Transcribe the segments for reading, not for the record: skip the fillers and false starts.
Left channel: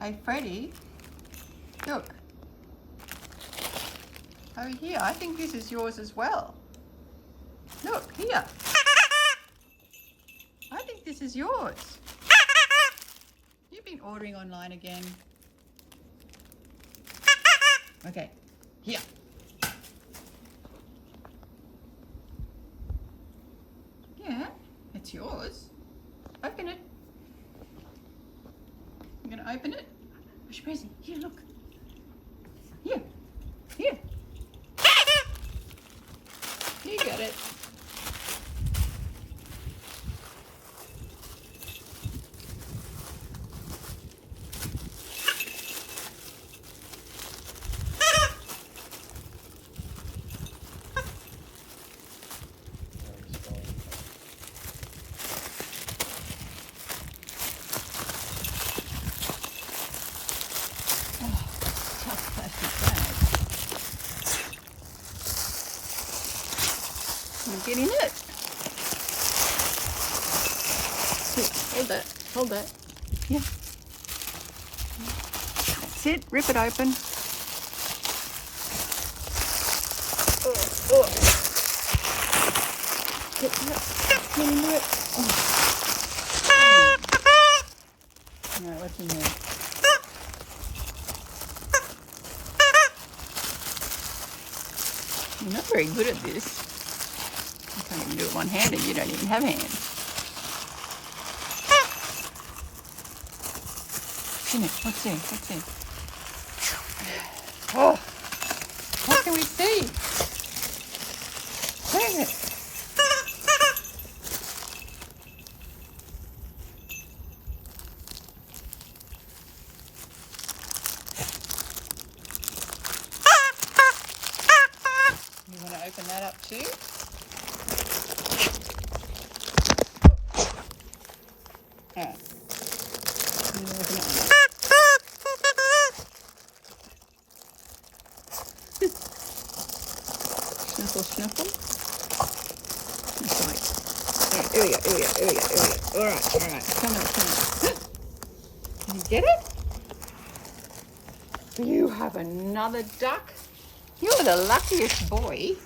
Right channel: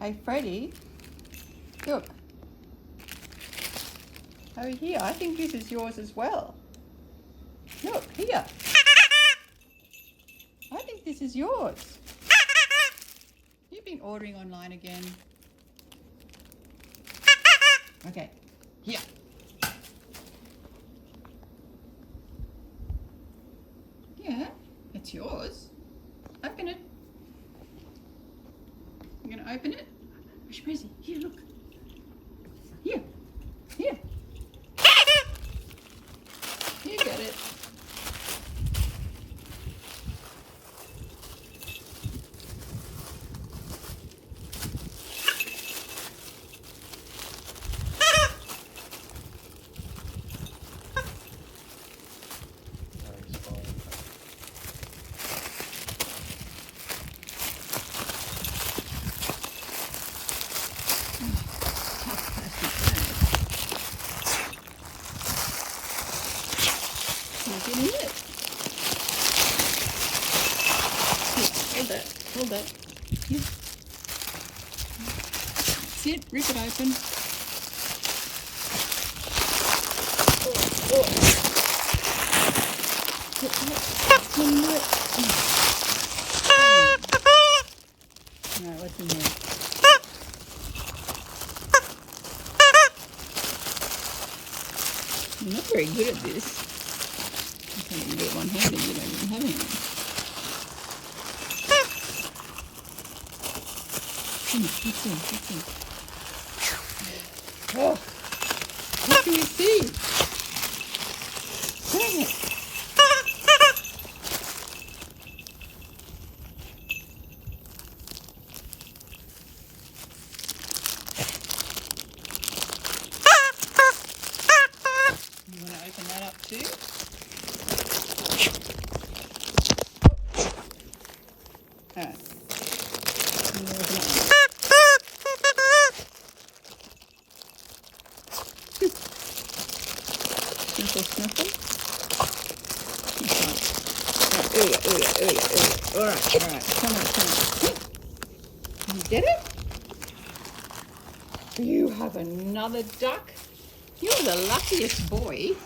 Hey, Freddie, look. Oh, here, I think this is yours as well. Look, here. I think this is yours. You've been ordering online again. Okay, here. Yeah, it's yours. Open it. I'm gonna open it. Where's your present? Here, look. Here. Here. You got it. Tough plastic bag. Can you get in it? Hold that. Hold that. Yeah. That's it. Rip it open. Oh. Get that. Get into it. No, what's in there? You're not very good at this. You can't even do it one-handed. You don't even have hands. Come on, what's in? What's in? Oh, what can we see? Where is it? You want to open that up too? Alright. You open it up. Sniffle, sniffle. That's right. Here we go, here we go, here we go, here we go. Alright, come on. Did you get it? You have another duck? You're the luckiest boy.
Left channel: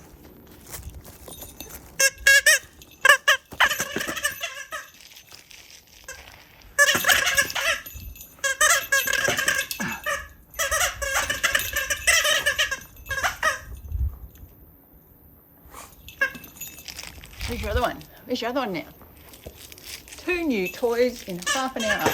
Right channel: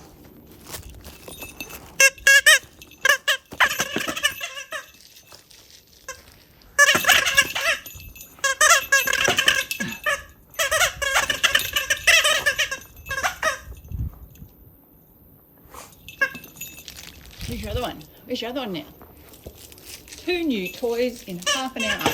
Where's your other one? Where's your other one now? 2 new toys in half an hour.